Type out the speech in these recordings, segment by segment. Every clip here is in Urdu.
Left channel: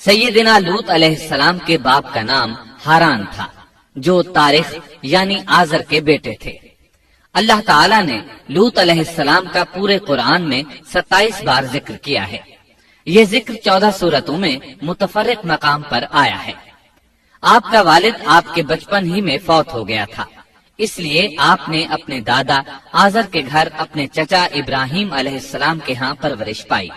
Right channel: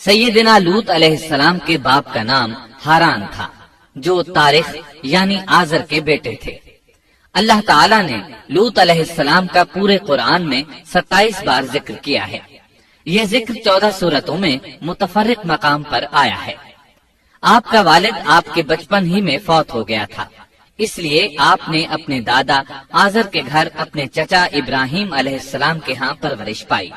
سیدنا لوط علیہ السلام کے باپ کا نام ہاران تھا، جو تاریخ یعنی آزر کے بیٹے تھے۔ اللہ تعالیٰ نے لوط علیہ السلام کا پورے قرآن میں 27 بار ذکر کیا ہے۔ یہ ذکر 14 سورتوں میں متفرق مقام پر آیا ہے۔ آپ کا والد آپ کے بچپن ہی میں فوت ہو گیا تھا، اس لیے آپ نے اپنے دادا آزر کے گھر اپنے چچا ابراہیم علیہ السلام کے ہاں پرورش پائی۔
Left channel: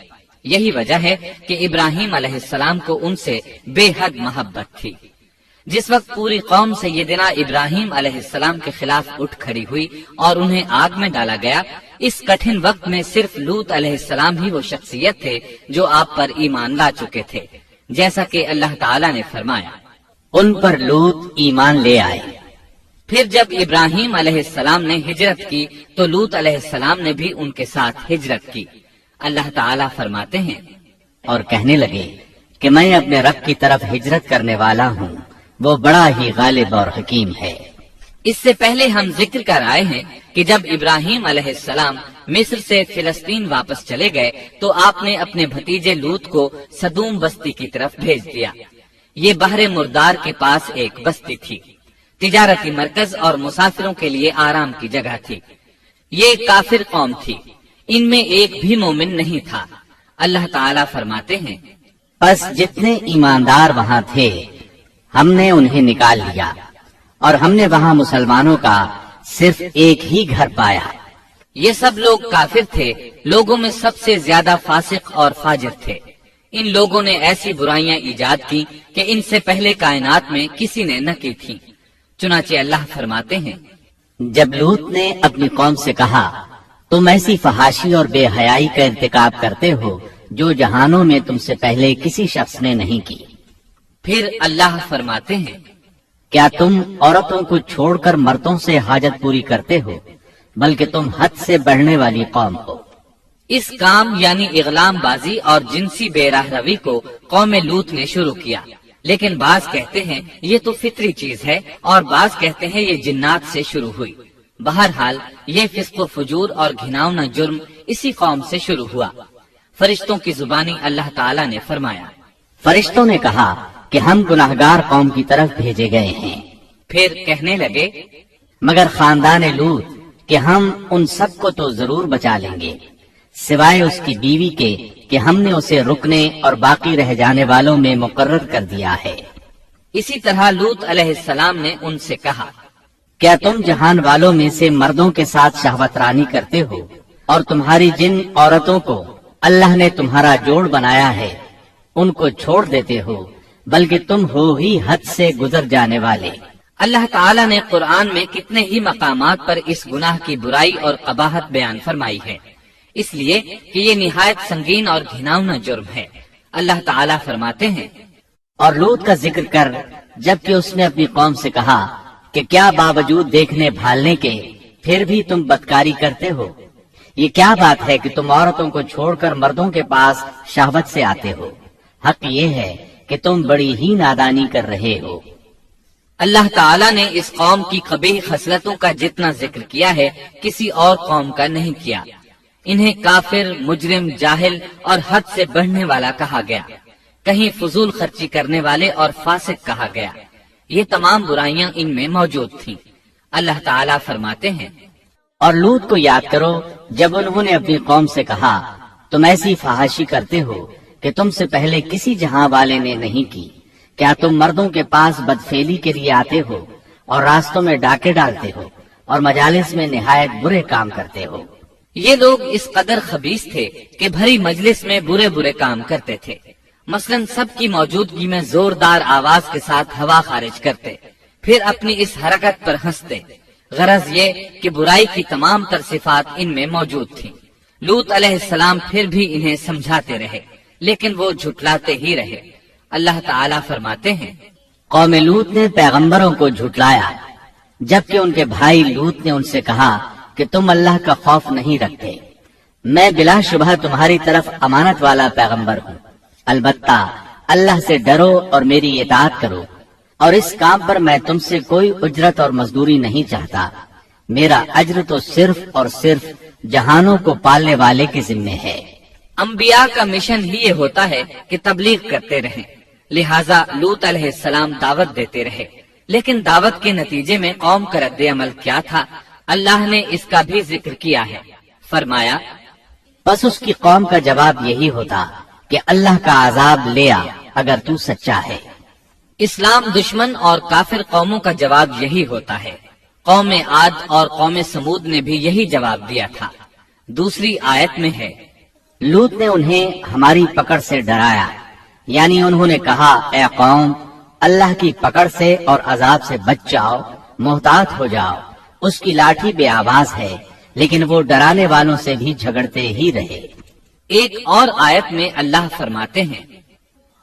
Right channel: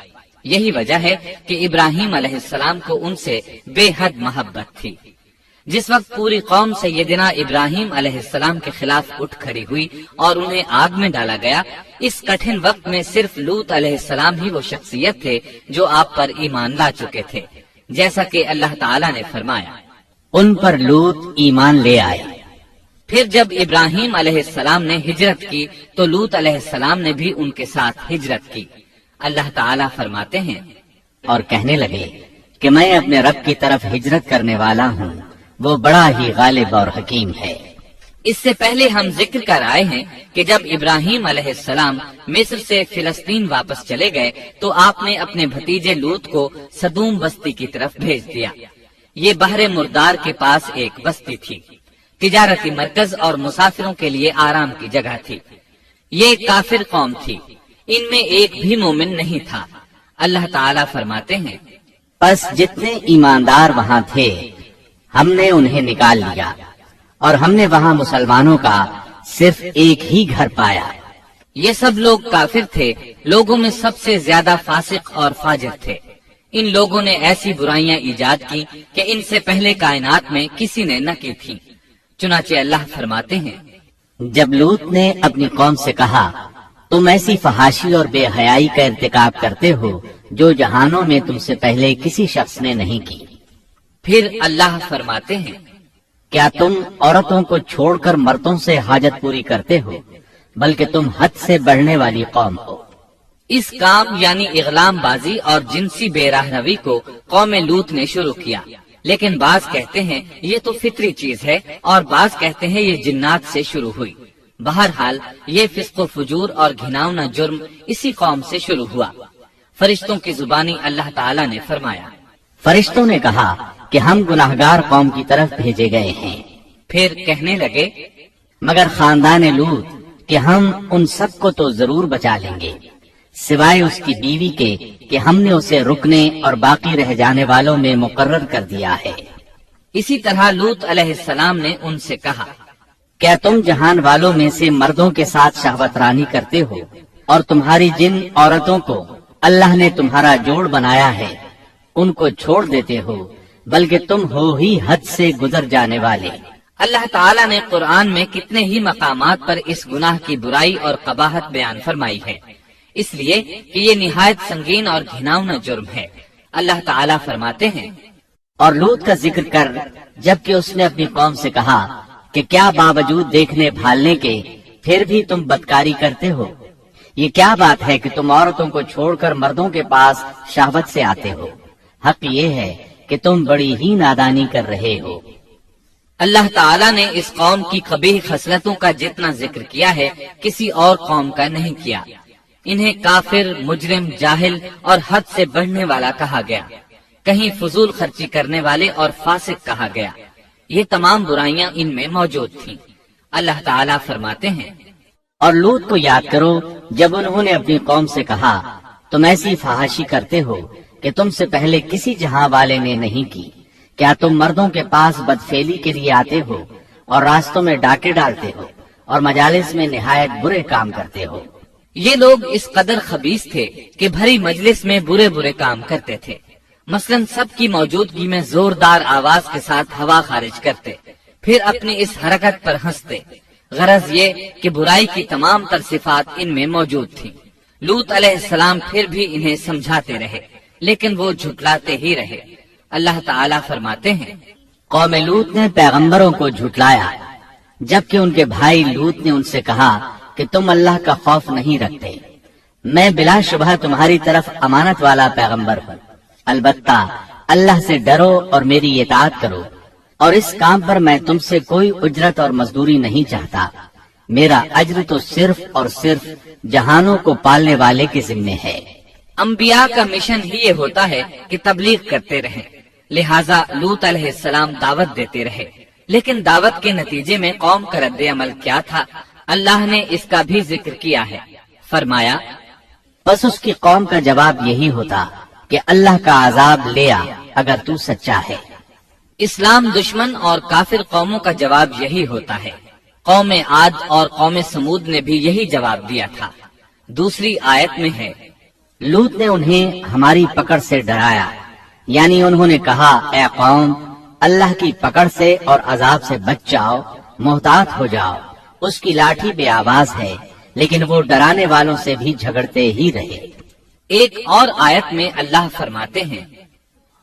یہی وجہ ہے کہ ابراہیم علیہ السلام کو ان سے بے حد محبت تھی۔ جس وقت پوری قوم سیدنا ابراہیم علیہ السلام کے خلاف اٹھ کھڑی ہوئی اور انہیں آگ میں ڈالا گیا، اس کٹھن وقت میں صرف لوط علیہ السلام ہی وہ شخصیت تھے جو آپ پر ایمان لا چکے تھے، جیسا کہ اللہ تعالیٰ نے فرمایا، ان پر لوط ایمان لے آئے۔ پھر جب ابراہیم علیہ السلام نے ہجرت کی تو لوط علیہ السلام نے بھی ان کے ساتھ ہجرت کی۔ اللہ تعالیٰ فرماتے ہیں، اور کہنے لگے کہ میں اپنے رب کی طرف ہجرت کرنے والا ہوں، وہ بڑا ہی غالب اور حکیم ہے۔ اس سے پہلے ہم ذکر کر آئے ہیں کہ جب ابراہیم علیہ السلام مصر سے فلسطین واپس چلے گئے تو آپ نے اپنے بھتیجے لوط کو سدوم بستی کی طرف بھیج دیا۔ یہ بحر مردار کے پاس ایک بستی تھی، تجارتی مرکز اور مسافروں کے لیے آرام کی جگہ تھی۔ یہ کافر قوم تھی، ان میں ایک بھی مومن نہیں تھا۔ اللہ تعالیٰ فرماتے ہیں، بس جتنے ایماندار وہاں تھے ہم نے انہیں نکال لیا، اور ہم نے وہاں مسلمانوں کا صرف ایک ہی گھر پایا۔ یہ سب لوگ کافر تھے، لوگوں میں سب سے زیادہ فاسق اور فاجر تھے۔ ان لوگوں نے ایسی برائیاں ایجاد کی کہ ان سے پہلے کائنات میں کسی نے نہ کی تھی۔ چنانچہ اللہ فرماتے ہیں، جب لوط نے اپنی قوم سے کہا تم ایسی فحاشی اور بے حیائی کا ارتکاب کرتے ہو جو جہانوں میں تم سے پہلے کسی شخص نے نہیں کی۔ پھر اللہ فرماتے ہیں، کیا تم عورتوں کو چھوڑ کر مردوں سے حاجت پوری کرتے ہو، بلکہ تم حد سے بڑھنے والی قوم ہو۔ اس کام یعنی اغلام بازی اور جنسی بے راہ روی کو قوم لوط نے شروع کیا، لیکن بعض کہتے ہیں یہ تو فطری چیز ہے اور بعض کہتے ہیں یہ جنات سے شروع ہوئی۔ بہرحال یہ فسق و فجور اور گھناؤنا جرم اسی قوم سے شروع ہوا۔ فرشتوں کی زبانی اللہ تعالیٰ نے فرمایا، فرشتوں نے کہا کہ ہم گناہگار قوم کی طرف بھیجے گئے ہیں۔ پھر کہنے لگے، مگر خاندان لوط کہ ہم ان سب کو تو ضرور بچا لیں گے، سوائے اس کی بیوی کے کہ ہم نے اسے رکنے اور باقی رہ جانے والوں میں مقرر کر دیا ہے۔ اسی طرح لوط علیہ السلام نے ان سے کہا، کیا تم جہان والوں میں سے مردوں کے ساتھ شہوت رانی کرتے ہو، اور تمہاری جن عورتوں کو اللہ نے تمہارا جوڑ بنایا ہے ان کو چھوڑ دیتے ہو، بلکہ تم ہو ہی حد سے گزر جانے والے۔ اللہ تعالیٰ نے قرآن میں کتنے ہی مقامات پر اس گناہ کی برائی اور قباحت بیان فرمائی ہے، اس لیے کہ یہ نہایت سنگین اور گھناؤنا جرم ہے۔ اللہ تعالیٰ فرماتے ہیں، اور لوط کا ذکر کر جبکہ اس نے اپنی قوم سے کہا کہ کیا باوجود دیکھنے بھالنے کے پھر بھی تم بدکاری کرتے ہو؟ یہ کیا بات ہے کہ تم عورتوں کو چھوڑ کر مردوں کے پاس شہوت سے آتے ہو؟ حق یہ ہے کہ تم بڑی ہی نادانی کر رہے ہو۔ اللہ تعالیٰ نے اس قوم کی قبیح خصلتوں کا جتنا ذکر کیا ہے کسی اور قوم کا نہیں کیا۔ انہیں کافر، مجرم، جاہل اور حد سے بڑھنے والا کہا گیا، کہیں فضول خرچی کرنے والے اور فاسق کہا گیا۔ یہ تمام برائیاں ان میں موجود تھیں۔ اللہ تعالیٰ فرماتے ہیں، اور لوط کو یاد کرو جب انہوں نے اپنی قوم سے کہا تم ایسی فحاشی کرتے ہو کہ تم سے پہلے کسی جہاں والے نے نہیں کی۔ کیا تم مردوں کے پاس بدفعلی کے لیے آتے ہو اور راستوں میں ڈاکے ڈالتے ہو اور مجالس میں نہایت برے کام کرتے ہو؟ یہ لوگ اس قدر خبیث تھے کہ بھری مجلس میں برے برے کام کرتے تھے۔ مثلا سب کی موجودگی میں زوردار آواز کے ساتھ ہوا خارج کرتے، پھر اپنی اس حرکت پر ہنستے۔ غرض یہ کہ برائی کی تمام تر صفات ان میں موجود تھیں۔ لوط علیہ السلام پھر بھی انہیں سمجھاتے رہے، لیکن وہ جھٹلاتے ہی رہے۔ اللہ تعالیٰ فرماتے ہیں، قوم لوط نے پیغمبروں کو جھٹلایا جبکہ ان کے بھائی لوط نے ان سے کہا کہ تم اللہ کا خوف نہیں رکھتے۔ میں بلا شبہ تمہاری طرف امانت والا پیغمبر ہوں، البتہ اللہ سے ڈرو اور میری اطاعت کرو، اور اس کام پر میں تم سے کوئی اجرت اور مزدوری نہیں چاہتا۔ میرا اجر تو صرف اور صرف جہانوں کو پالنے والے کے ذمے ہے۔ انبیاء کا مشن ہی یہ ہوتا ہے کہ تبلیغ کرتے رہیں۔ لہٰذا لوط علیہ السلام دعوت دیتے رہے، لیکن دعوت کے نتیجے میں قوم کا رد عمل کیا تھا اللہ نے اس کا بھی ذکر کیا ہے۔ فرمایا، بس اس کی قوم کا جواب یہی ہوتا کہ اللہ کا عذاب لے آ اگر تو سچا ہے۔ اسلام دشمن اور کافر قوموں کا جواب یہی ہوتا ہے۔ قوم عاد اور قوم سمود نے بھی یہی جواب دیا تھا۔ دوسری آیت میں ہے، لوط نے انہیں ہماری پکڑ سے ڈرایا، یعنی انہوں نے کہا، اے قوم، اللہ کی پکڑ سے اور عذاب سے بچ جاؤ، محتاط ہو جاؤ۔ اس کی لاٹھی بے آواز ہے، لیکن وہ ڈرانے والوں سے بھی جھگڑتے ہی رہے۔ ایک اور آیت میں اللہ فرماتے ہیں،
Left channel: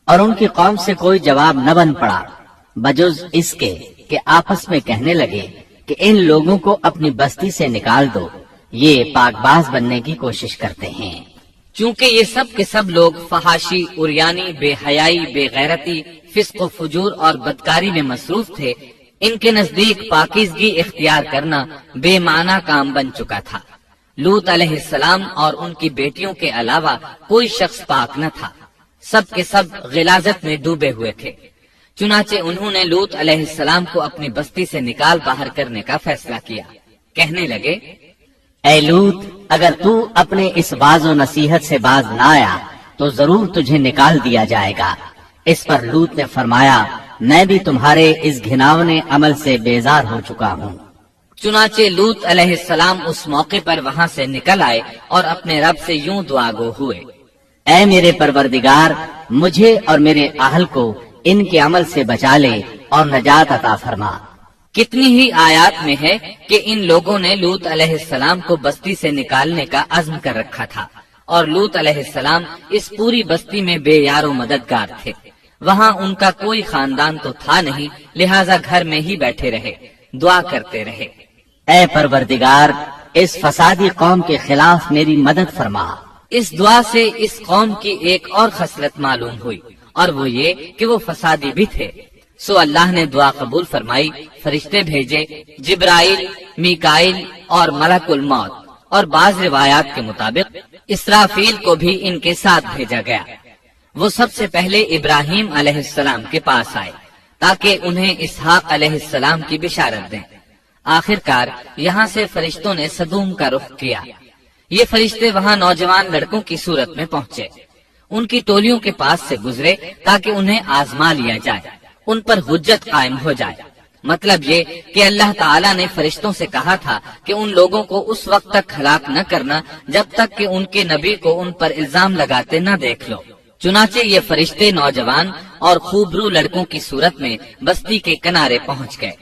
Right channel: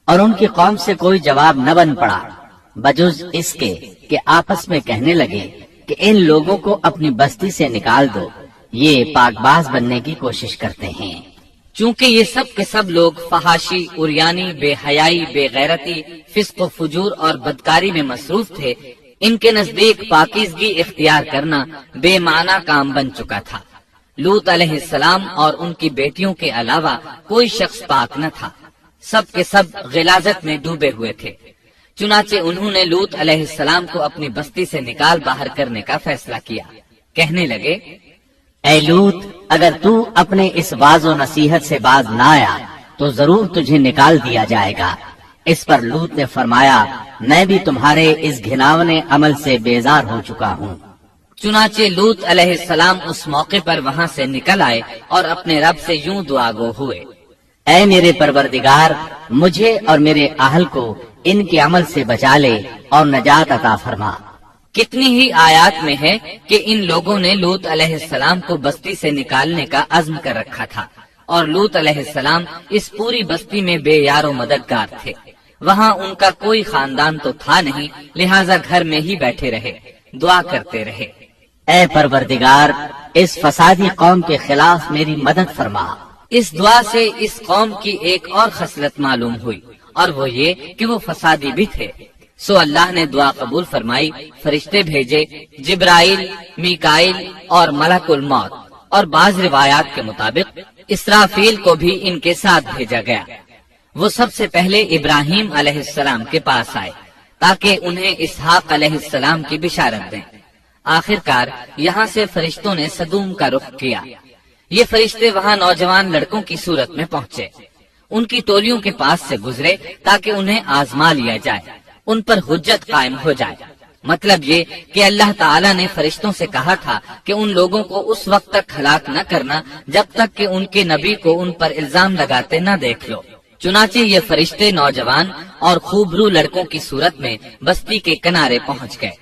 اور ان کی قوم سے کوئی جواب نہ بن پڑا بجز اس کے کہ آپس میں کہنے لگے کہ ان لوگوں کو اپنی بستی سے نکال دو، یہ پاک باز بننے کی کوشش کرتے ہیں۔ چونکہ یہ سب کے سب لوگ فحاشی، عریانی، بے حیائی، بے غیرتی، فسق و فجور اور بدکاری میں مصروف تھے، ان کے نزدیک پاکیزگی اختیار کرنا بے معنی کام بن چکا تھا۔ لوط علیہ السلام اور ان کی بیٹیوں کے علاوہ کوئی شخص پاک نہ تھا، سب کے سب غلاظت میں ڈوبے ہوئے تھے۔ چنانچہ انہوں نے لوط علیہ السلام کو اپنی بستی سے نکال باہر کرنے کا فیصلہ کیا۔ کہنے لگے، اے لوط، اگر تو اپنے اس واعظ و نصیحت سے باز نہ آیا تو ضرور تجھے نکال دیا جائے گا۔ اس پر لوط نے فرمایا، میں بھی تمہارے اس گھناونے عمل سے بیزار ہو چکا ہوں۔ چنانچہ لوط علیہ السلام اس موقع پر وہاں سے نکل آئے اور اپنے رب سے یوں دعا گو ہوئے، اے میرے پروردگار، مجھے اور میرے اہل کو ان کے عمل سے بچا لے اور نجات عطا فرما۔ کتنی ہی آیات میں ہے کہ ان لوگوں نے لوط علیہ السلام کو بستی سے نکالنے کا عزم کر رکھا تھا، اور لوط علیہ السلام اس پوری بستی میں بے یار و مددگار تھے۔ وہاں ان کا کوئی خاندان تو تھا نہیں، لہٰذا گھر میں ہی بیٹھے رہے، دعا کرتے رہے، اے پروردگار، اس فسادی قوم کے خلاف میری مدد فرما۔ اس دعا سے اس قوم کی ایک اور خصلت معلوم ہوئی، اور وہ یہ کہ وہ فسادی بھی تھے۔ سو اللہ نے دعا قبول فرمائی، فرشتے بھیجے، جبرائیل، میکائیل اور ملک الموت، اور بعض روایات کے مطابق اسرافیل کو بھی ان کے ساتھ بھیجا گیا۔ وہ سب سے پہلے ابراہیم علیہ السلام کے پاس آئے تاکہ انہیں اسحاق علیہ السلام کی بشارت دیں۔ آخر کار یہاں سے فرشتوں نے سدوم کا رخ کیا۔ یہ فرشتے وہاں نوجوان لڑکوں کی صورت میں پہنچے، ان کی ٹولیوں کے پاس سے گزرے تاکہ انہیں آزما لیا جائے، ان پر حجت قائم ہو جائے۔ مطلب یہ کہ اللہ تعالیٰ نے فرشتوں سے کہا تھا کہ ان لوگوں کو اس وقت تک ہلاک نہ کرنا جب تک کہ ان کے نبی کو ان پر الزام لگاتے نہ دیکھ لو۔ چنانچہ یہ فرشتے نوجوان اور خوبرو لڑکوں کی صورت میں بستی کے کنارے پہنچ گئے۔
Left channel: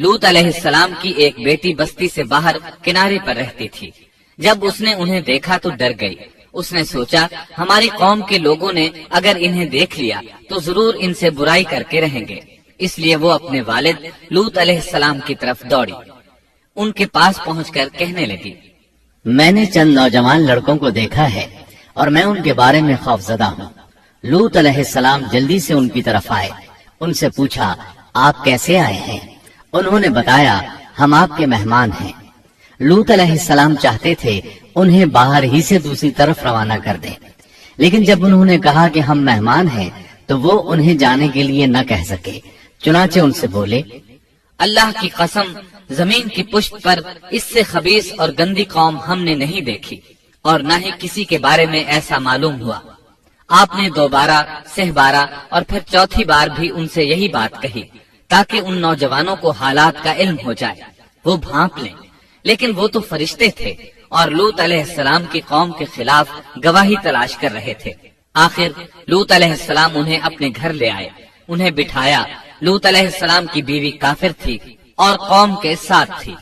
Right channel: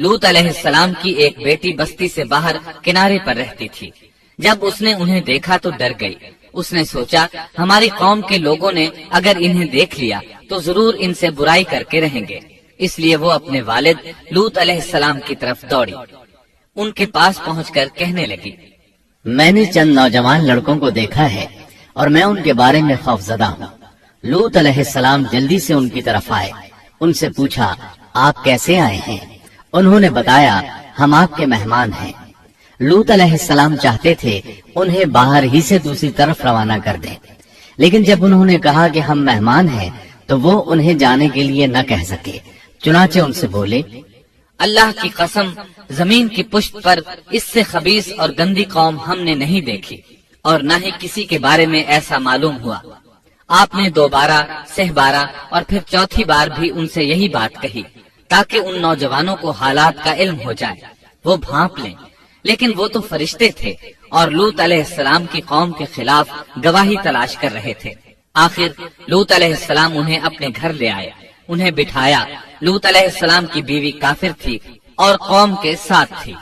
لوط علیہ السلام کی ایک بیٹی بستی سے باہر کنارے پر رہتی تھی۔ جب اس نے انہیں دیکھا تو ڈر گئی۔ اس نے سوچا، ہماری قوم کے لوگوں نے اگر انہیں دیکھ لیا تو ضرور ان سے برائی کر کے رہیں گے، اس لیے وہ اپنے والد لوط علیہ السلام کی طرف دوڑی۔ ان کے پاس پہنچ کر کہنے لگی، میں نے چند نوجوان لڑکوں کو دیکھا ہے اور میں ان کے بارے میں خوفزدہ ہوں۔ لوط علیہ السلام جلدی سے ان کی طرف آئے، ان سے پوچھا، آپ کیسے آئے ہیں؟ انہوں نے بتایا، ہم آپ کے مہمان ہیں۔ لوط علیہ السلام چاہتے تھے انہیں باہر ہی سے دوسری طرف روانہ کر دیں، لیکن جب انہوں نے کہا کہ ہم مہمان ہیں تو وہ انہیں جانے کے لیے نہ کہہ سکے، چنانچہ ان سے بولے، اللہ کی قسم، زمین کی پشت پر اس سے خبیث اور گندی قوم ہم نے نہیں دیکھی، اور نہ ہی کسی کے بارے میں ایسا معلوم ہوا۔ آپ نے 2 بار، 6 بار اور پھر 4تھی بار بھی ان سے یہی بات کہی تاکہ ان نوجوانوں کو حالات کا علم ہو جائے، وہ بھانپ لیں، لیکن وہ تو فرشتے تھے اور لوط علیہ السلام کی قوم کے خلاف گواہی تلاش کر رہے تھے۔ آخر لوط علیہ السلام انہیں اپنے گھر لے آئے، انہیں بٹھایا۔ لوط علیہ السلام کی بیوی کافر تھی اور قوم کے ساتھ تھی۔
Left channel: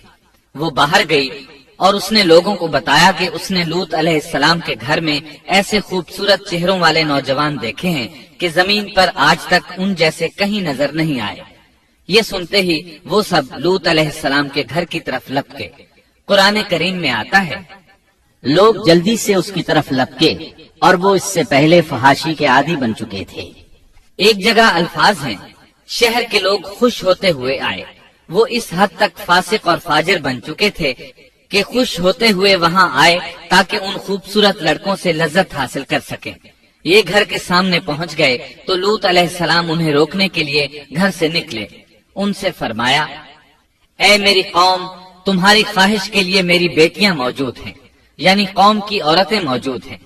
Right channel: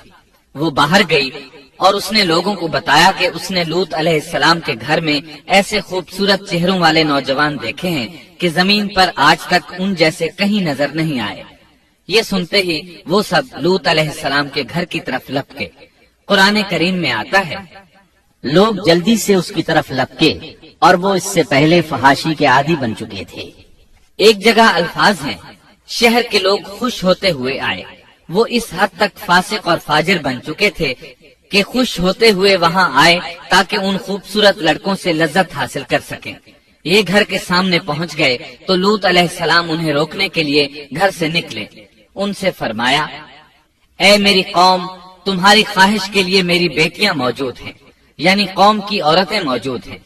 وہ باہر گئی اور اس نے لوگوں کو بتایا کہ اس نے لوط علیہ السلام کے گھر میں ایسے خوبصورت چہروں والے نوجوان دیکھے ہیں کہ زمین پر آج تک ان جیسے کہیں نظر نہیں آئے۔ یہ سنتے ہی وہ سب لوط علیہ السلام کے گھر کی طرف لپکے۔ قرآن کریم میں آتا ہے، لوگ جلدی سے اس کی طرف لپکے اور وہ اس سے پہلے فحاشی کے عادی بن چکے تھے۔ ایک جگہ الفاظ ہیں، شہر کے لوگ خوش ہوتے ہوئے آئے۔ وہ اس حد تک فاسق اور فاجر بن چکے تھے کہ خوش ہوتے ہوئے وہاں آئے تاکہ ان خوبصورت لڑکوں سے لذت حاصل کر سکیں۔ یہ گھر کے سامنے پہنچ گئے تو لوط علیہ السلام انہیں روکنے کے لیے گھر سے نکلے. ان سے فرمایا, اے میری قوم, تمہاری خواہش کے لیے میری بیٹیاں موجود ہیں, یعنی قوم کی عورتیں موجود ہیں.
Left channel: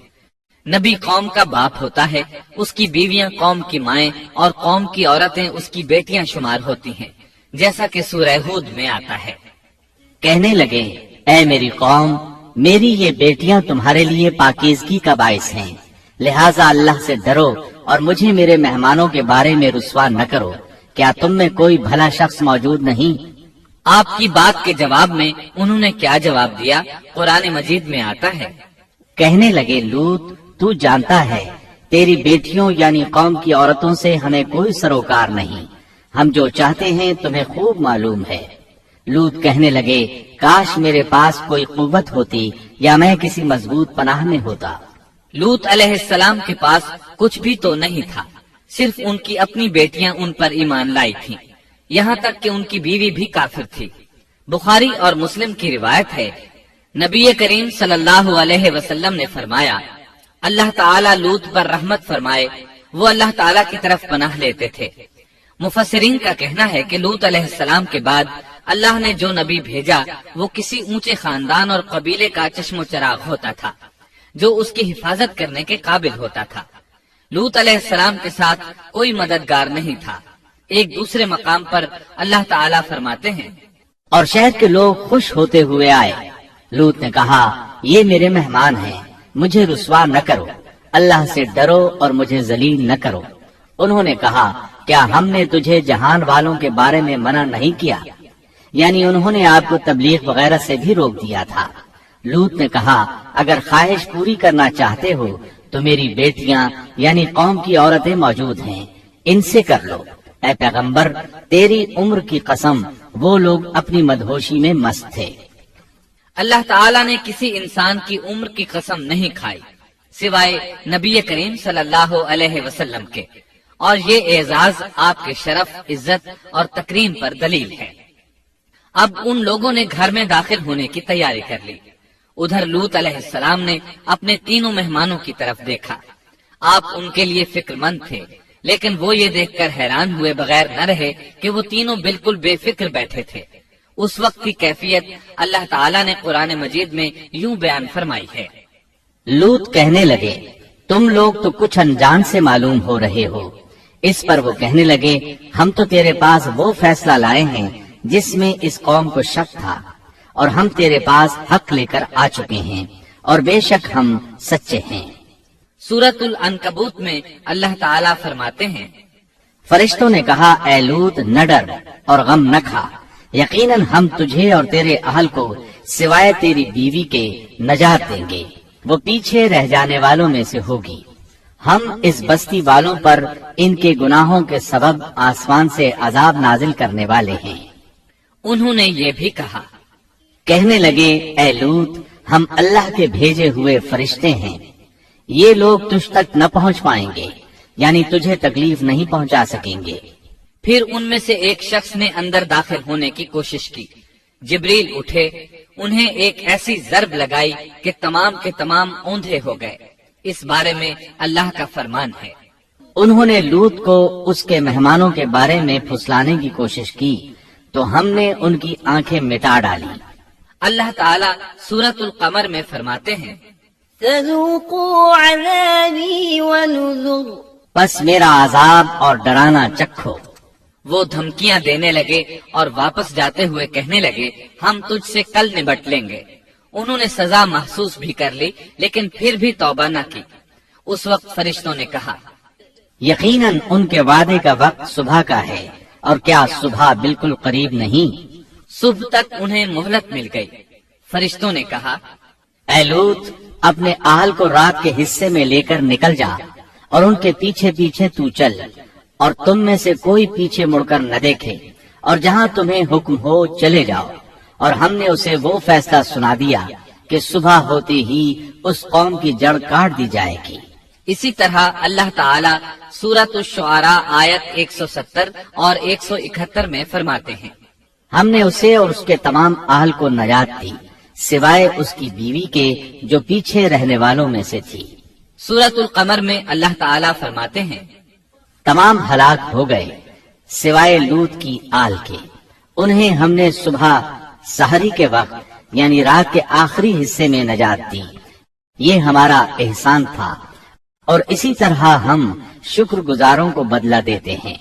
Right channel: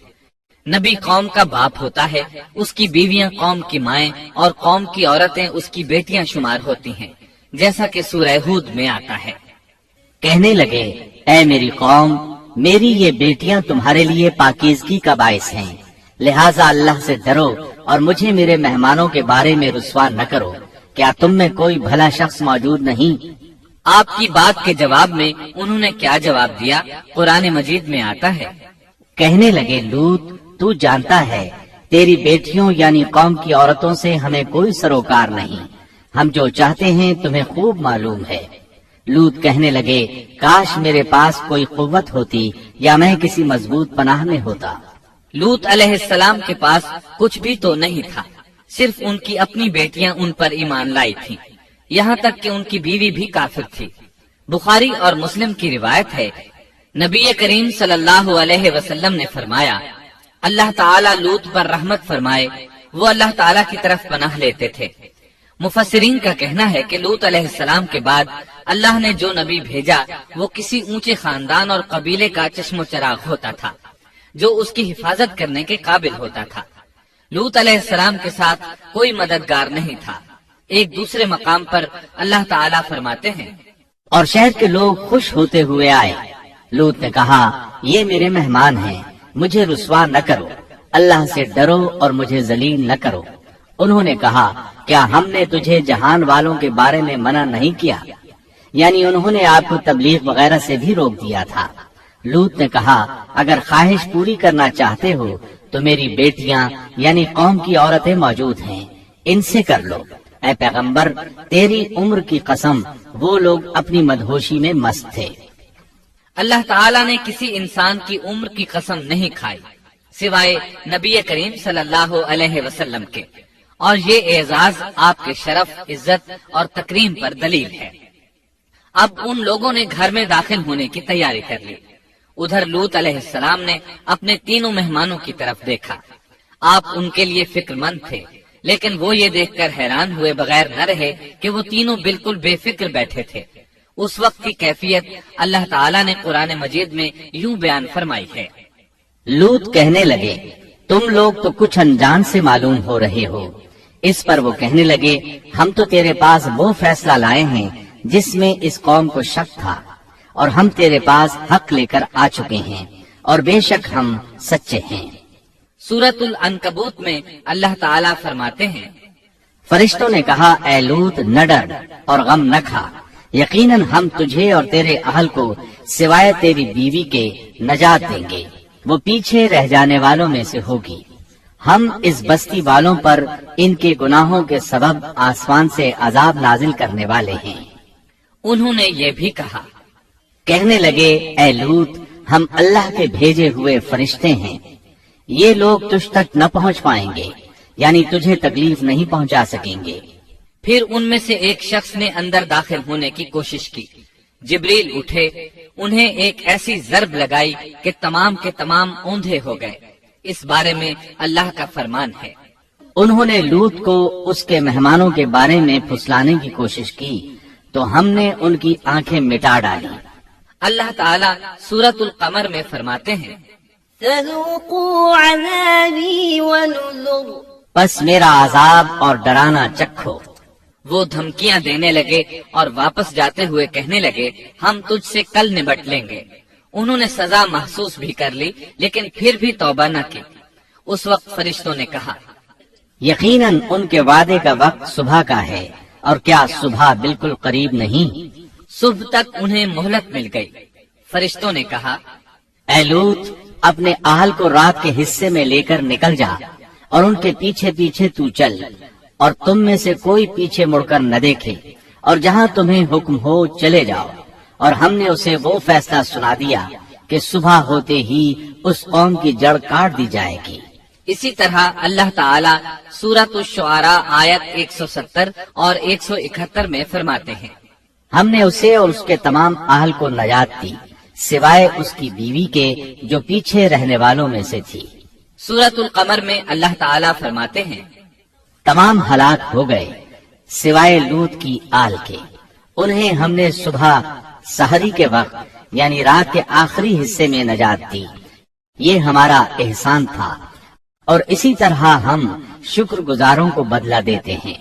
نبی قوم کا باپ ہوتا ہے, اس کی بیویاں قوم کی مائیں اور قوم کی عورتیں اس کی بیٹیاں شمار ہوتی ہیں, جیسا کہ سورہ ہود میں آتا ہے. کہنے لگے, اے میری قوم, میری یہ بیٹیاں تمہارے لیے پاکیزگی کا باعث ہیں, لہٰذا اللہ سے ڈرو اور مجھے میرے مہمانوں کے بارے میں رسوا نہ کرو. کیا تم میں کوئی بھلا شخص موجود نہیں؟ آپ کی بات کے جواب میں انہوں نے کیا جواب دیا, قرآن مجید میں آتا ہے. کہنے لگے, لوط, تو جانتا ہے تیری بیٹیوں یعنی قوم کی عورتوں سے ہمیں کوئی سروکار نہیں, ہم جو چاہتے ہیں تمہیں خوب معلوم ہے. لوط کہنے لگے, کاش میرے پاس کوئی قوت ہوتی یا میں کسی مضبوط پناہ میں ہوتا. لوط علیہ السلام کے پاس کچھ بھی تو نہیں تھا, صرف ان کی اپنی بیٹیاں ان پر ایمان لائی تھیں, یہاں تک کہ ان کی بیوی بھی کافر تھی. بخاری اور مسلم کی روایت ہے, نبی کریم صلی اللہ علیہ وسلم نے فرمایا, اللہ تعالیٰ لوط پر رحمت فرمائے, وہ اللہ تعالیٰ کی طرف پناہ لیتے تھے. مفسرین کا کہنا ہے کہ لوط علیہ السلام کے بعد اللہ نے جو نبی بھیجا وہ کسی اونچے خاندان اور قبیلے کا چشم و چراغ ہوتا تھا, جو اس کی حفاظت کرنے کے قابل ہوتا تھا. لوط علیہ السلام کے ساتھ کوئی مددگار نہیں تھا. ایک دوسرے مقام پر اللہ تعالیٰ فرماتے ہیں, اور شہر کے لوگ خوش ہوتے ہوئے آئے. لوط نے کہا, یہ میرے مہمان ہیں, مجھے رسوا نہ کرو, اللہ سے ڈرو اور مجھے ذلیل نہ کرو. انہوں نے کہا, کیا ہم نے تجھے جہان والوں کے بارے میں منع نہیں کیا؟ یعنی انہوں نے آپ کو تبلیغ وغیرہ سے بھی روک دیا تھا. لوط نے کہا, اگر خواہش پوری کرنا چاہتے ہو تو میری بیٹیاں یعنی قوم کی عورتیں موجود ہیں, ان سے کر لو. اے پیغمبر, تیری عمر کی قسم, وہ لوگ اپنی مدہوشی میں مست تھے. اللہ تعالیٰ نے کسی انسان کی عمر کی قسم نہیں کھائی سوائے نبی کریم صلی اللہ علیہ وسلم کے, اور یہ اعزاز آپ کے شرف, عزت اور تکریم پر دلیل ہے. اب ان لوگوں نے گھر میں داخل ہونے کی تیاری کر لی. ادھر لوط علیہ السلام نے اپنے تینوں مہمانوں کی طرف دیکھا. آپ ان کے لیے فکر مند تھے, لیکن وہ یہ دیکھ کر حیران ہوئے بغیر نہ رہے کہ وہ تینوں بالکل بے فکر بیٹھے تھے. اس وقت کی کیفیت اللہ تعالیٰ نے قرآن مجید میں یوں بیان فرمائی ہے. لوط کہنے لگے, تم لوگ تو کچھ انجان سے معلوم ہو رہے ہو. اس پر وہ کہنے لگے, ہم تو تیرے پاس وہ فیصلہ لائے ہیں جس میں اس قوم کو شک تھا, اور ہم تیرے پاس حق لے کر آ چکے ہیں, اور بے شک ہم سچے ہیں. سورۃ العنکبوت میں اللہ تعالیٰ فرماتے ہیں, فرشتوں نے کہا, اے لوط, نہ ڈر اور غم نہ کھا, یقیناً ہم تجھے اور تیرے اہل کو سوائے تیری بیوی کے نجات دیں گے, وہ پیچھے رہ جانے والوں میں سے ہوگی. ہم اس بستی والوں پر ان کے گناہوں کے سبب آسمان سے عذاب نازل کرنے والے ہیں. انہوں نے یہ بھی کہا, کہنے لگے, اے لوط, ہم اللہ کے بھیجے ہوئے فرشتے ہیں, یہ لوگ تجھ تک نہ پہنچ پائیں گے, یعنی تجھے تکلیف نہیں پہنچا سکیں گے. پھر ان میں سے ایک شخص نے اندر داخل ہونے کی کوشش کی. جبریل اٹھے, انہیں ایک ایسی ضرب لگائی کہ تمام کے تمام اوندھے ہو گئے. اس بارے میں اللہ کا فرمان ہے, انہوں نے لوط کو اس کے مہمانوں کے بارے میں پھسلانے کی کوشش کی تو ہم نے ان کی آنکھیں مٹا ڈالی. اللہ تعالیٰ سورۃ القمر میں فرماتے ہیں, فذوقوا عذابی ونذر, پس میرا عذاب اور ڈرانا چکھو. وہ دھمکیاں دینے لگے اور واپس جاتے ہوئے کہنے لگے, ہم تجھ سے کل نبٹ لیں گے. انہوں نے سزا محسوس بھی کر لی, لیکن پھر بھی توبہ نہ کی. اس وقت فرشتوں نے کہا, یقیناً ان کے وعدے کا وقت صبح کا ہے, اور کیا صبح بالکل قریب نہیں؟ صبح تک انہیں مہلت مل گئی. فرشتوں نے کہا, اے لوط, اپنے اہل کو رات کے حصے میں لے کر نکل جا, اور ان کے پیچھے پیچھے تو چل, اور تم میں سے کوئی پیچھے مڑ کر نہ دیکھے, اور جہاں تمہیں حکم ہو چلے جاؤ. اور ہم نے اسے وہ فیصلہ سنا دیا کہ صبح ہوتے ہی اس قوم کی جڑ کاٹ دی جائے گی. اسی طرح اللہ تعالیٰ سورۃ الشعراء آیت 170 اور 171 میں فرماتے ہیں, ہم نے اسے اور اس کے تمام اہل کو نجات دی, سوائے اس کی بیوی کے جو پیچھے رہنے والوں میں سے تھی. سورۃ القمر میں اللہ تعالیٰ فرماتے ہیں، تمام ہلاک ہو گئے سوائے لوط کی آل کے، انہیں ہم نے صبح سحری کے وقت یعنی رات کے آخری حصے میں نجات دی، یہ ہمارا احسان تھا، اور اسی طرح ہم شکر گزاروں کو بدلہ دیتے ہیں۔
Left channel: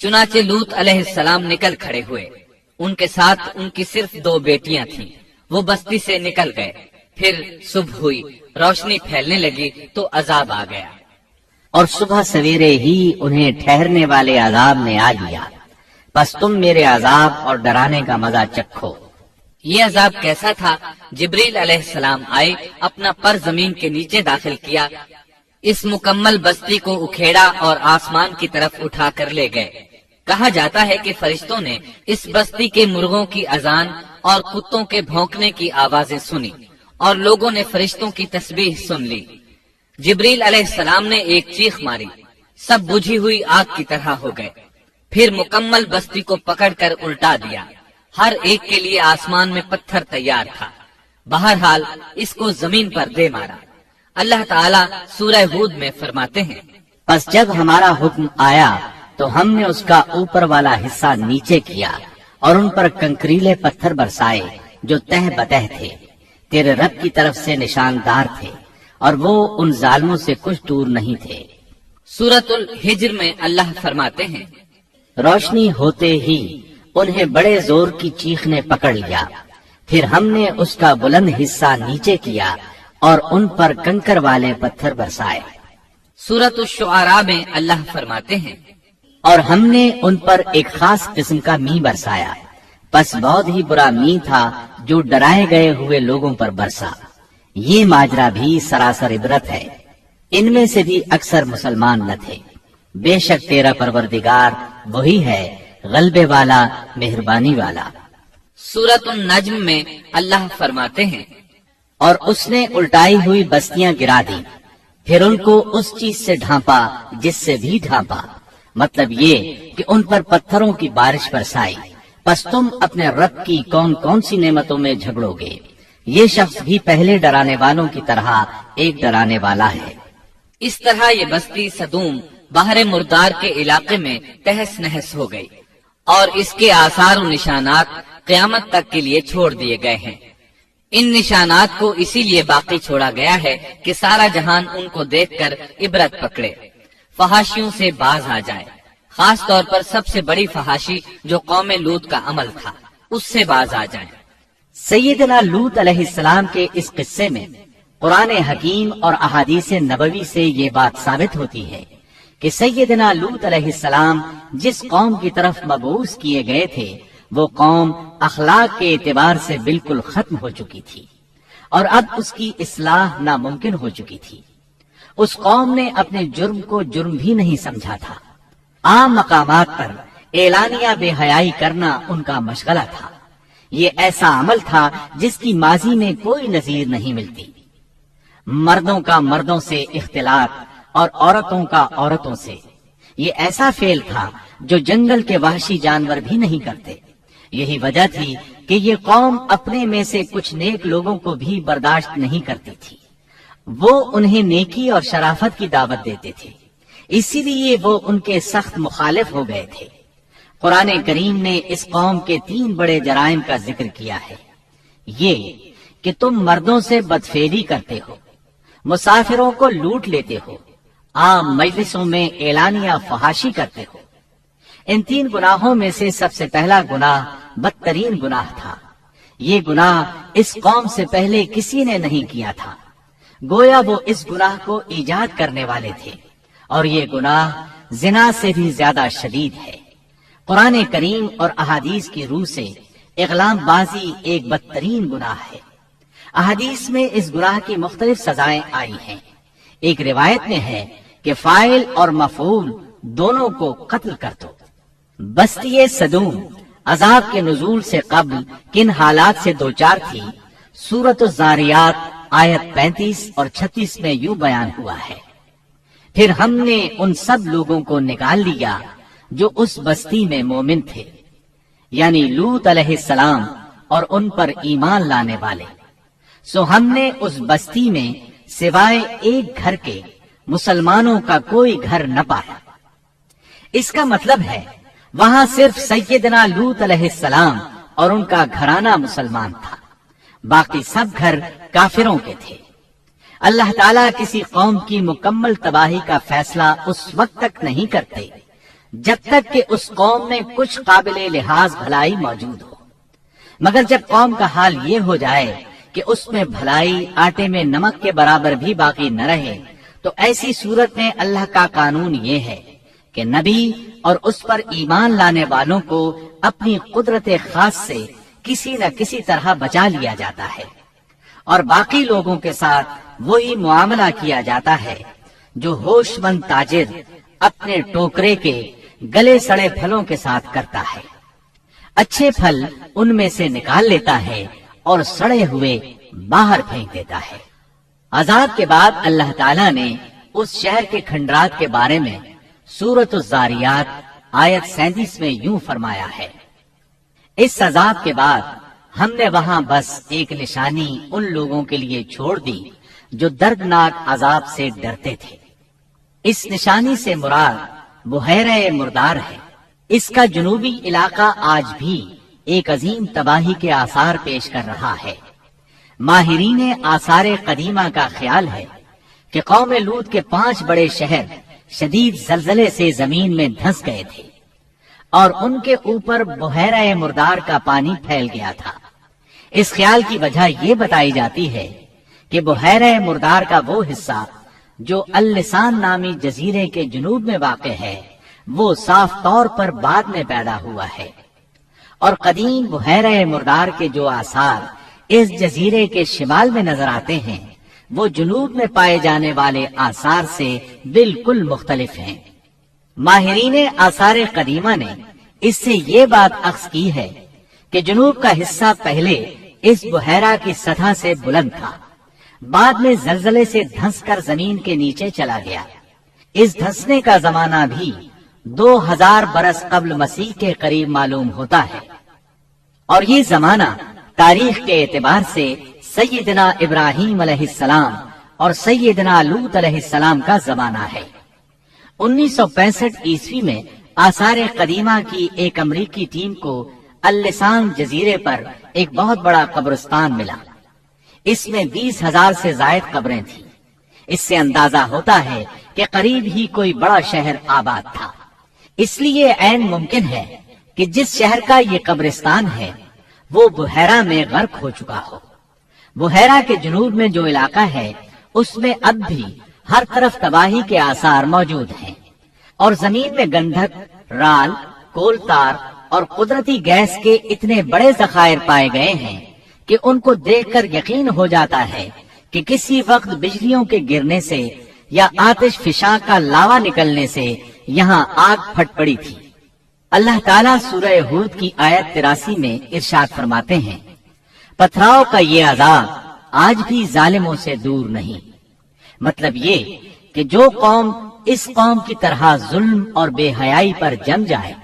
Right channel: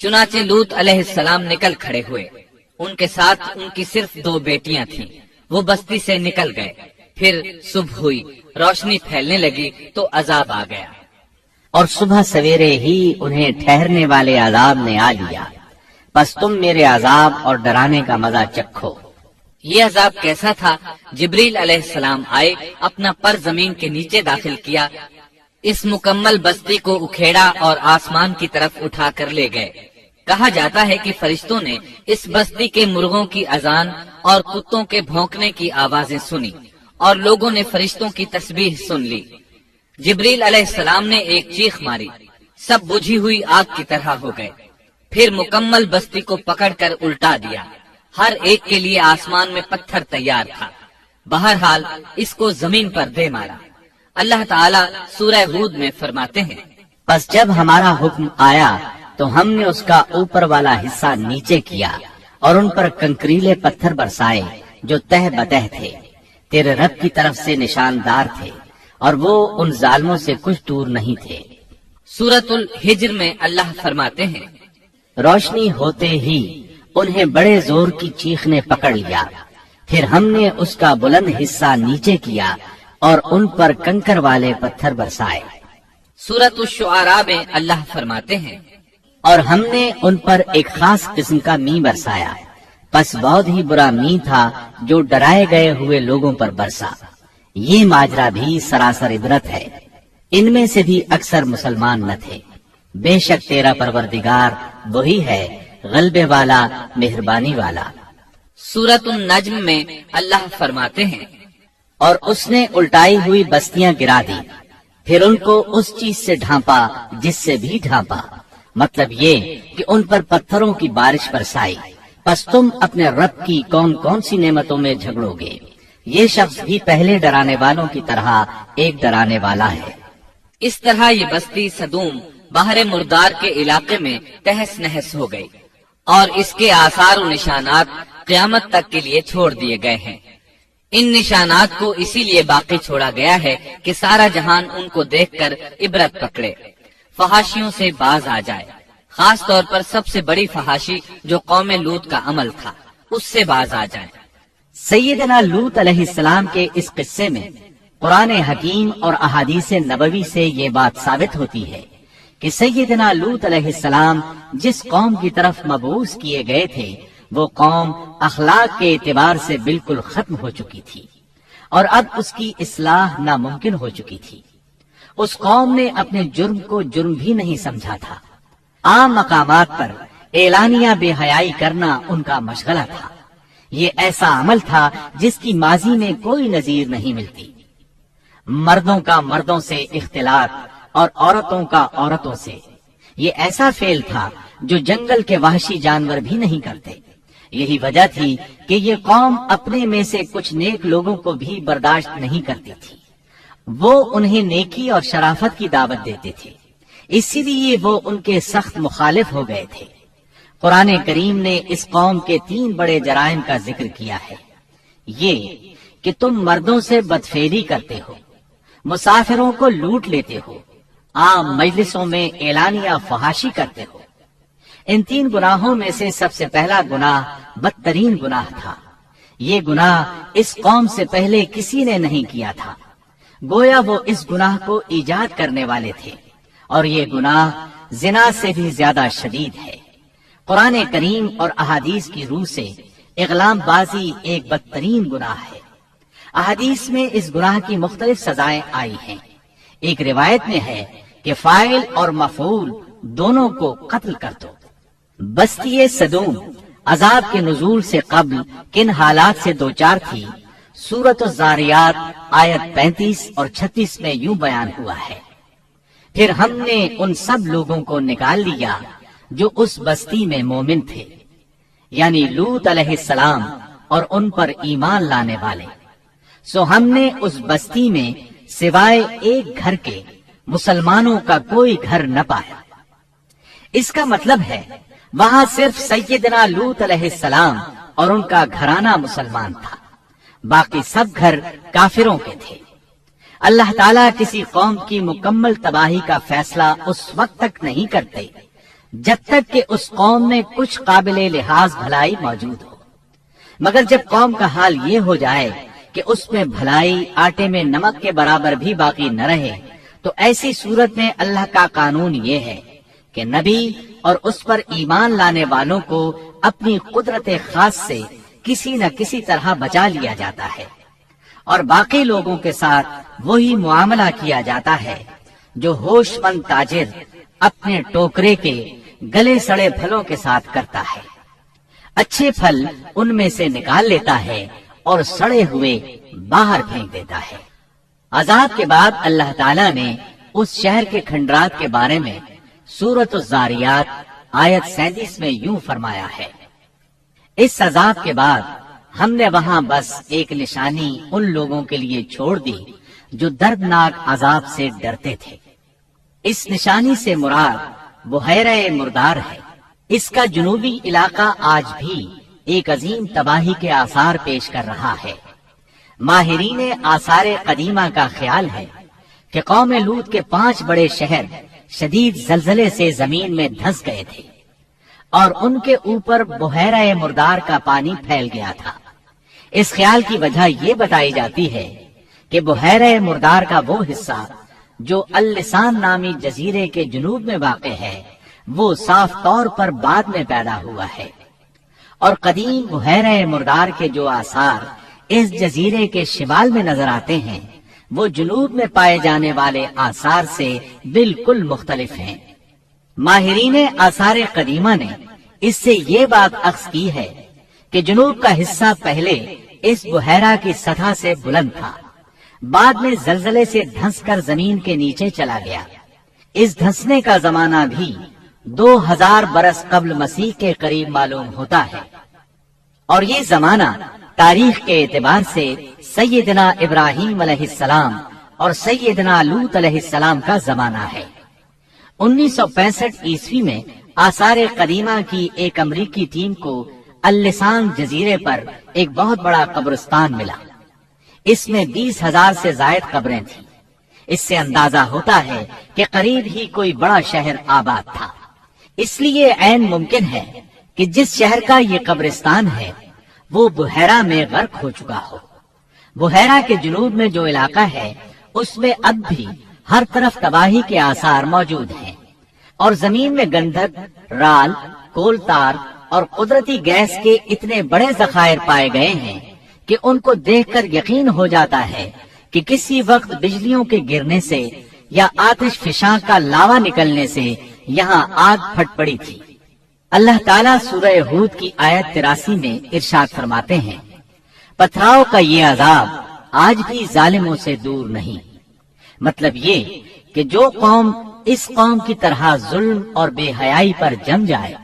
چنانچہ لوط علیہ السلام نکل کھڑے ہوئے، ان کے ساتھ ان کی صرف 2 بیٹیاں تھیں، وہ بستی سے نکل گئے۔ پھر صبح ہوئی، روشنی پھیلنے لگی تو عذاب آ گیا، اور صبح سویرے ہی انہیں ٹھہرنے والے عذاب نے آ لیا، بس تم میرے عذاب اور ڈرانے کا مزہ چکھو۔ یہ عذاب کیسا تھا؟ جبریل علیہ السلام آئے، اپنا پر زمین کے نیچے داخل کیا، اس مکمل بستی کو اکھیڑا اور آسمان کی طرف اٹھا کر لے گئے۔ کہا جاتا ہے کہ فرشتوں نے اس بستی کے مرغوں کی اذان اور کتوں کے بھونکنے کی آوازیں سنی، اور لوگوں نے فرشتوں کی تسبیح سن لی۔ جبریل علیہ السلام نے ایک چیخ ماری، سب بجھی ہوئی آگ کی طرح ہو گئے، پھر مکمل بستی کو پکڑ کر الٹا دیا، ہر ایک کے لیے آسمان میں پتھر تیار تھا، بہرحال اس کو زمین پر دے مارا۔ اللہ تعالیٰ سورہ ہود میں فرماتے ہیں، بس جب ہمارا حکم آیا تو ہم نے اس کا اوپر والا حصہ نیچے کیا اور ان پر کنکریلے پتھر برسائے جو تہ بتہ تھے، تیرے رب کی طرف سے نشاندار تھے، اور وہ ان ظالموں سے کچھ دور نہیں تھے۔ سورۃ الحجر میں اللہ فرماتے ہیں، روشنی ہوتے ہی انہیں بڑے زور کی چیخ نے پکڑ لیا، پھر ہم نے اس کا بلند حصہ نیچے کیا اور ان پر کنکر والے پتھر برسائے۔ سورۃ الشعراء میں اللہ فرماتے ہیں، اور ہم نے ان پر ایک خاص قسم کا می برسایا، بس بہت ہی برا می تھا جو ڈرائے گئے ہوئے لوگوں پر برسا۔ یہ ماجرا بھی سراسر عبرت ہے، ان میں سے بھی اکثر مسلمان نہ تھے۔ بے شک تیرا پروردگار وہی ہے غلبے والا، مہربانی والا۔ سورۃ النجم میں اللہ فرماتے ہیں، اور اس نے الٹائی ہوئی بستیاں گرا دی، پھر ان کو اس چیز سے ڈھانپا جس سے بھی ڈھانپا، مطلب یہ کہ ان پر پتھروں کی بارش برسائی۔ پس تم اپنے رب کی کون کون سی نعمتوں میں جھگڑو گے؟ یہ شخص بھی پہلے ڈرانے والوں کی طرح ایک ڈرانے والا ہے۔ اس طرح یہ بستی سدوم باہر مردار کے علاقے میں تہس نہس ہو گئی، اور اس کے آثار و نشانات قیامت تک کے لیے چھوڑ دیے گئے ہیں۔ ان نشانات کو اسی لیے باقی چھوڑا گیا ہے کہ سارا جہان ان کو دیکھ کر عبرت پکڑے، فحاشیوں سے باز آ جائے، خاص طور پر سب سے بڑی فحاشی جو قوم لوط کا عمل تھا اس سے باز آ جائے۔ سیدنا لوط علیہ السلام کے اس قصے میں قرآن حکیم اور احادیث نبوی سے یہ بات ثابت ہوتی ہے کہ سیدنا لوط علیہ السلام جس قوم کی طرف مبعوث کیے گئے تھے وہ قوم اخلاق کے اعتبار سے بالکل ختم ہو چکی تھی، اور اب اس کی اصلاح ناممکن ہو چکی تھی۔ اس قوم نے اپنے جرم کو جرم بھی نہیں سمجھا تھا، عام مقامات پر اعلانیہ بے حیائی کرنا ان کا مشغلہ تھا۔ یہ ایسا عمل تھا جس کی ماضی میں کوئی نظیر نہیں ملتی۔ مردوں کا مردوں سے اختلاط اور عورتوں کا عورتوں سے، یہ ایسا فعل تھا جو جنگل کے وحشی جانور بھی نہیں کرتے۔ یہی وجہ تھی کہ یہ قوم اپنے میں سے کچھ نیک لوگوں کو بھی برداشت نہیں کرتی تھی، وہ انہیں نیکی اور شرافت کی دعوت دیتے تھے، اسی لیے وہ ان کے سخت مخالف ہو گئے تھے۔ قرآن کریم نے اس قوم کے 3 بڑے جرائم کا ذکر کیا ہے۔ یہ کہ تم مردوں سے بدفعلی کرتے ہو، مسافروں کو لوٹ لیتے ہو، عام مجلسوں میں اعلانیہ فحاشی کرتے ہو۔ ان 3 گناہوں میں سے سب سے پہلا گناہ بدترین گناہ تھا۔ یہ گناہ اس قوم سے پہلے کسی نے نہیں کیا تھا، گویا وہ اس گناہ کو ایجاد کرنے والے تھے، اور یہ گناہ زنا سے بھی زیادہ شدید ہے۔ قرآن کریم اور احادیث کی روح سے اغلام بازی ایک بدترین گناہ ہے۔ احادیث میں اس گناہ کی مختلف سزائیں آئی ہیں۔ ایک روایت میں ہے کہ فاعل اور مفعول دونوں کو قتل کر دو۔ بستی سدوم عذاب کے نزول سے قبل کن حالات سے دوچار تھی، سورۃ الزاریات آیت 35 اور 36 میں یوں بیان ہوا ہے، پھر ہم نے ان سب لوگوں کو نکال لیا جو اس بستی میں مومن تھے، یعنی لوط علیہ السلام اور ان پر ایمان لانے والے۔ سو ہم نے اس بستی میں سوائے ایک گھر کے مسلمانوں کا کوئی گھر نہ پایا۔ اس کا مطلب ہے وہاں صرف سیدنا لوط علیہ السلام اور ان کا گھرانہ مسلمان تھا، باقی سب گھر کافروں کے تھے۔ اللہ تعالیٰ کسی قوم کی مکمل تباہی کا فیصلہ اس وقت تک نہیں کرتے جب تک کہ اس قوم میں کچھ قابل لحاظ بھلائی موجود ہو، مگر جب قوم کا حال یہ ہو جائے کہ اس میں بھلائی آٹے میں نمک کے برابر بھی باقی نہ رہے، تو ایسی صورت میں اللہ کا قانون یہ ہے کہ نبی اور اس پر ایمان لانے والوں کو اپنی قدرت خاص سے کسی نہ کسی طرح بچا لیا جاتا ہے، اور باقی لوگوں کے ساتھ وہی معاملہ کیا جاتا ہے جو ہوش مند تاجر اپنے ٹوکرے کے گلے سڑے پھلوں کے ساتھ کرتا ہے۔ اچھے پھل ان میں سے نکال لیتا ہے اور سڑے ہوئے باہر پھینک دیتا ہے۔ عذاب کے بعد اللہ تعالیٰ نے اس شہر کے کھنڈرات کے بارے میں سورۃ الزاریات آیت 37 میں یوں فرمایا ہے، اس عذاب کے بعد ہم نے وہاں بس ایک نشانی ان لوگوں کے لیے چھوڑ دی جو دردناک عذاب سے ڈرتے تھے۔ اس نشانی سے مراد بحیرہ مردار ہے۔ اس کا جنوبی علاقہ آج بھی ایک عظیم تباہی کے آثار پیش کر رہا ہے۔ ماہرین آثار قدیمہ کا خیال ہے کہ قوم لوط کے 5 بڑے شہر شدید زلزلے سے زمین میں دھس گئے تھے اور ان کے اوپر بحیرہ مردار کا پانی پھیل گیا تھا۔ اس خیال کی وجہ یہ بتائی جاتی ہے کہ بحیرہ مردار کا وہ حصہ جو اللسان نامی جزیرے کے جنوب میں واقع ہے وہ صاف طور پر بعد میں پیدا ہوا ہے، اور قدیم بحیرہ مردار کے جو آثار اس جزیرے کے شمال میں نظر آتے ہیں وہ جنوب میں پائے جانے والے آثار سے بالکل مختلف ہیں۔ ماہرین آثار قدیمہ نے اس سے یہ بات اخذ کی ہے کہ جنوب کا حصہ پہلے اس بحیرہ کی سطح سے بلند تھا، بعد میں زلزلے سے دھنس کر زمین کے نیچے چلا گیا۔ اس دھنسنے کا زمانہ بھی 2000 برس قبل مسیح کے قریب معلوم ہوتا ہے، اور یہ زمانہ تاریخ کے اعتبار سے سیدنا ابراہیم علیہ السلام اور سیدنا لوط علیہ السلام کا زمانہ ہے۔ 1965 عیسوی میں آثار قدیمہ کی ایک امریکی ٹیم کو اللسان جزیرے پر ایک بہت بڑا قبرستان ملا۔ اس میں 20,000 سے زائد قبریں تھیں۔ اس سے اندازہ ہوتا ہے کہ قریب ہی کوئی بڑا شہر آباد تھا۔ اس لیے عین ممکن ہے کہ جس شہر کا یہ قبرستان ہے وہ بحیرہ میں غرق ہو چکا ہو۔ بحیرہ کے جنوب میں جو علاقہ ہے اس میں اب بھی ہر طرف تباہی کے آثار موجود ہیں، اور زمین میں گندھک، رال، کول تار اور قدرتی گیس کے اتنے بڑے ذخائر پائے گئے ہیں کہ ان کو دیکھ کر یقین ہو جاتا ہے کہ کسی وقت بجلیوں کے گرنے سے یا آتش فشاں کا لاوا نکلنے سے یہاں آگ پھٹ پڑی تھی۔ اللہ تعالیٰ سورہ ہود کی آیت 83 میں ارشاد فرماتے ہیں، پتھراؤ کا یہ عذاب آج بھی ظالموں سے دور نہیں۔ مطلب یہ کہ جو قوم اس قوم کی طرح ظلم اور بے حیائی پر جم جائے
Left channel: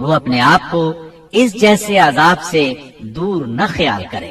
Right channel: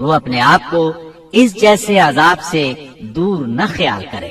وہ اپنے آپ کو اس جیسے عذاب سے دور نہ خیال کرے۔